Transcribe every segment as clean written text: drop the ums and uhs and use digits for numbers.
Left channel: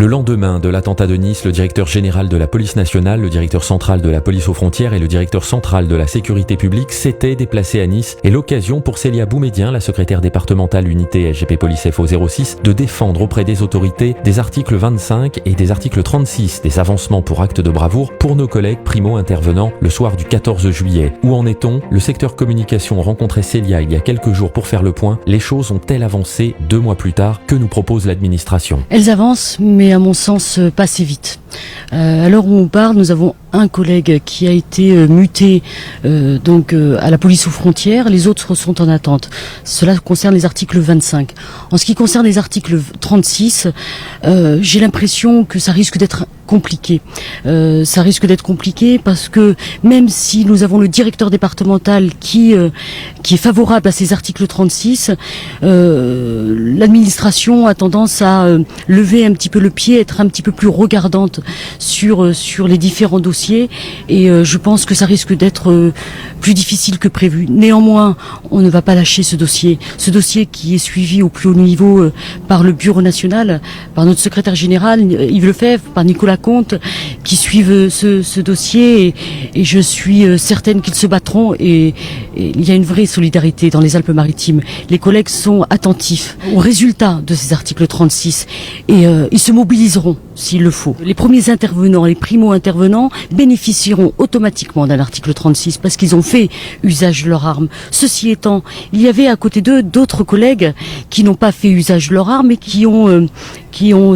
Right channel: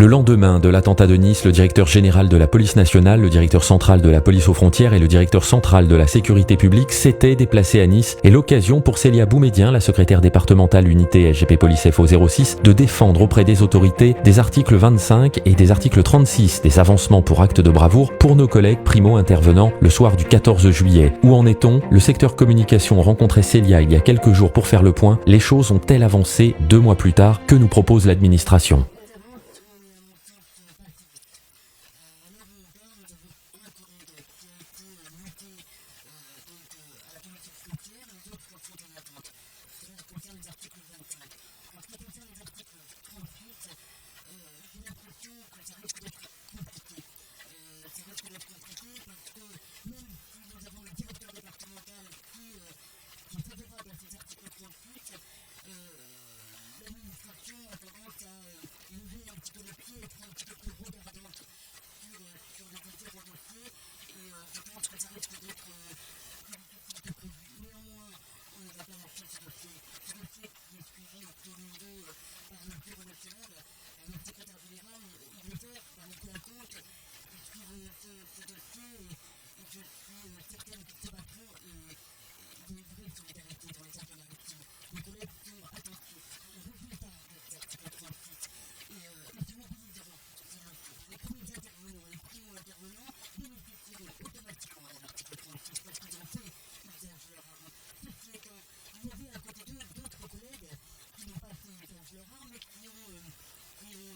Le lendemain de l'attentat de Nice, le directeur général de la police nationale, le directeur central de la police aux frontières et le directeur central de la sécurité publique s'étaient déplacés à Nice et l'occasion pour Célia Boumedienne, la secrétaire départementale unité SGP Police FO 06, de défendre auprès des autorités des articles 25 et des articles 36 des avancements pour actes de bravoure pour nos collègues primo-intervenants le soir du 14 juillet. Où en est-on? Le secteur communication rencontrait Célia il y a quelques jours pour faire le point. Les choses ont-elles avancé 2 mois plus tard? Que nous propose l'administration? Elles avancent, mais à mon sens pas assez vite. À l'heure où on parle, nous avons un collègue qui a été muté à la police aux frontières, les autres sont en attente. Cela concerne les articles 25. En ce qui concerne les articles 36, j'ai l'impression que ça risque d'être compliqué. Ça risque d'être compliqué parce que même si nous avons le directeur départemental qui est favorable à ces articles 36, l'administration a tendance à lever un petit peu le pied, être un petit peu plus regardante sur les différents dossiers et je pense que ça risque d'être plus difficile que prévu. Néanmoins, on ne va pas lâcher ce dossier qui est suivi au plus haut niveau par le Bureau national, par notre secrétaire général Yves Lefebvre, par Nicolas Comte, qui suivent ce dossier et je suis certaine qu'ils se battront et il y a une vraie solidarité dans les Alpes-Maritimes. Les collègues sont attentifs aux résultats de ces articles 36 et ils se mobiliseront s'il le faut. Les premiers intervenants, les primo-intervenants bénéficieront automatiquement d'un article 36 parce qu'ils ont fait usage de leur arme. Ceci étant, il y avait à côté d'eux d'autres collègues qui n'ont pas fait usage de leur arme et qui ont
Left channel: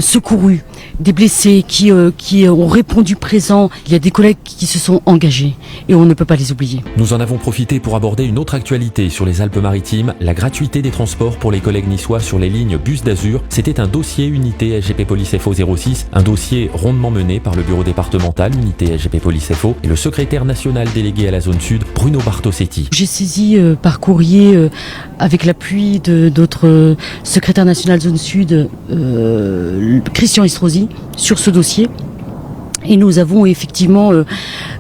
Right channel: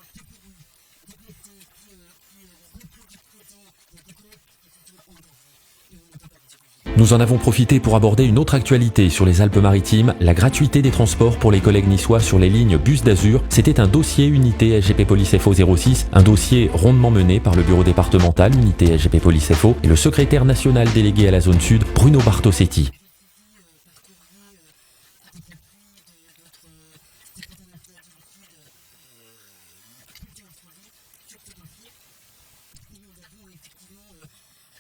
secouru des blessés, qui ont répondu présent. Il y a des collègues qui se sont engagés et on ne peut pas les oublier. Nous en avons profité pour aborder une autre actualité sur les Alpes-Maritimes, la gratuité des transports pour les collègues niçois sur les lignes Bus d'Azur. C'était un dossier unité SGP Police FO 06, un dossier rondement mené par le bureau départemental unité SGP Police FO et le secrétaire national délégué à la zone sud, Bruno Bartosetti. J'ai saisi par courrier avec l'appui de notre secrétaire national zone sud, Christian Estrosi, sur ce dossier. Et nous avons effectivement,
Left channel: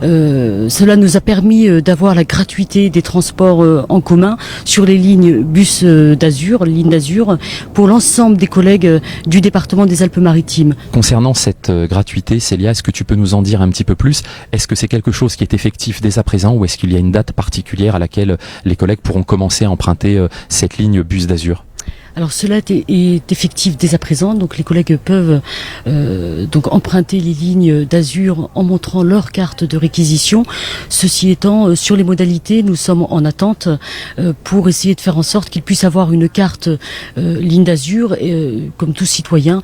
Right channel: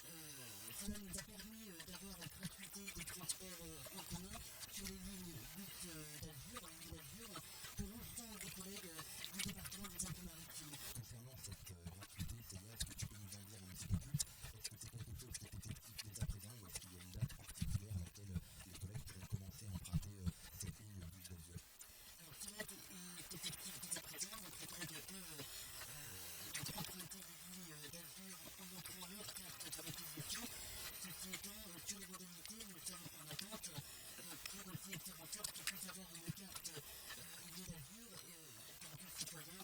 cela nous a permis d'avoir la gratuité des transports en commun sur les lignes bus d'Azur, lignes d'Azur, pour l'ensemble des collègues du département des Alpes-Maritimes. Concernant cette gratuité, Célia, est-ce que tu peux nous en dire un petit peu plus? Est-ce que c'est quelque chose qui est effectif dès à présent ou est-ce qu'il y a une date particulière à laquelle les collègues pourront commencer à emprunter cette ligne bus d'Azur? Alors cela est effectif dès à présent, donc les collègues peuvent donc emprunter les lignes d'Azur en montrant leur carte de réquisition. Ceci étant, sur les modalités, nous sommes en attente pour essayer de faire en sorte qu'ils puissent avoir une carte ligne d'Azur, comme tout citoyen,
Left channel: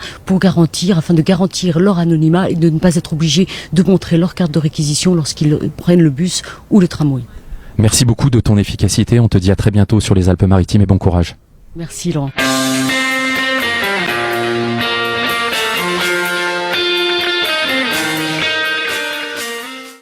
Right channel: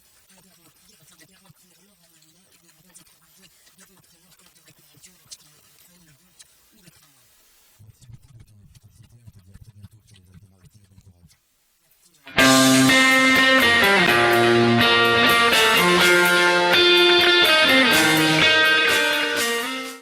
afin de garantir leur anonymat et de ne pas être obligés de montrer leur carte de réquisition lorsqu'ils prennent le bus ou le tramway. Merci beaucoup de ton efficacité, on te dit à très bientôt sur les Alpes-Maritimes et bon courage. Merci Laurent.